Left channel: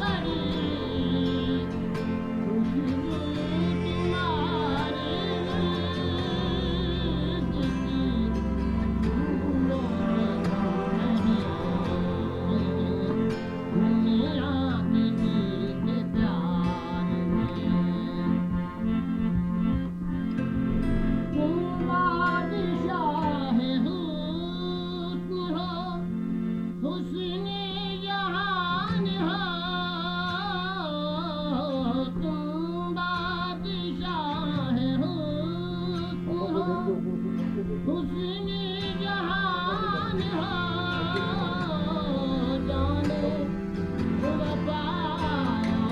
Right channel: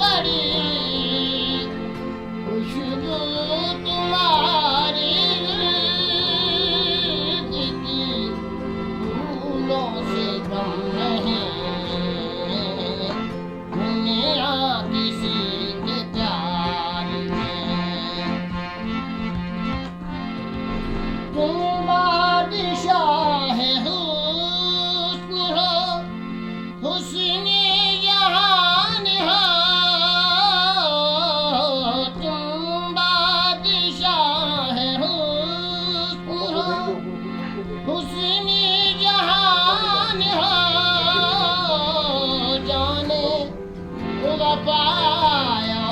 बड़ी खुशबू तुम्हारी की फूलों से कम नहीं दुनिया किसी के प्यार में। तुम बादशाह हुस्न हो हुस्न जहान हो। तुम बादशाह हुस्न हो हुस्न जहान हो। जाने वफाया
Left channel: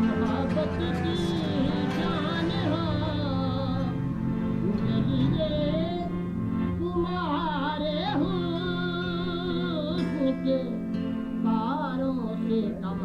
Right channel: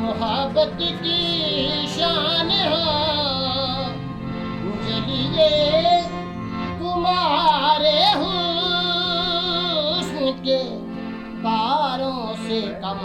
मोहब्बत की शान हो। जलिए तुम्हारे हुस्न के तारों से कम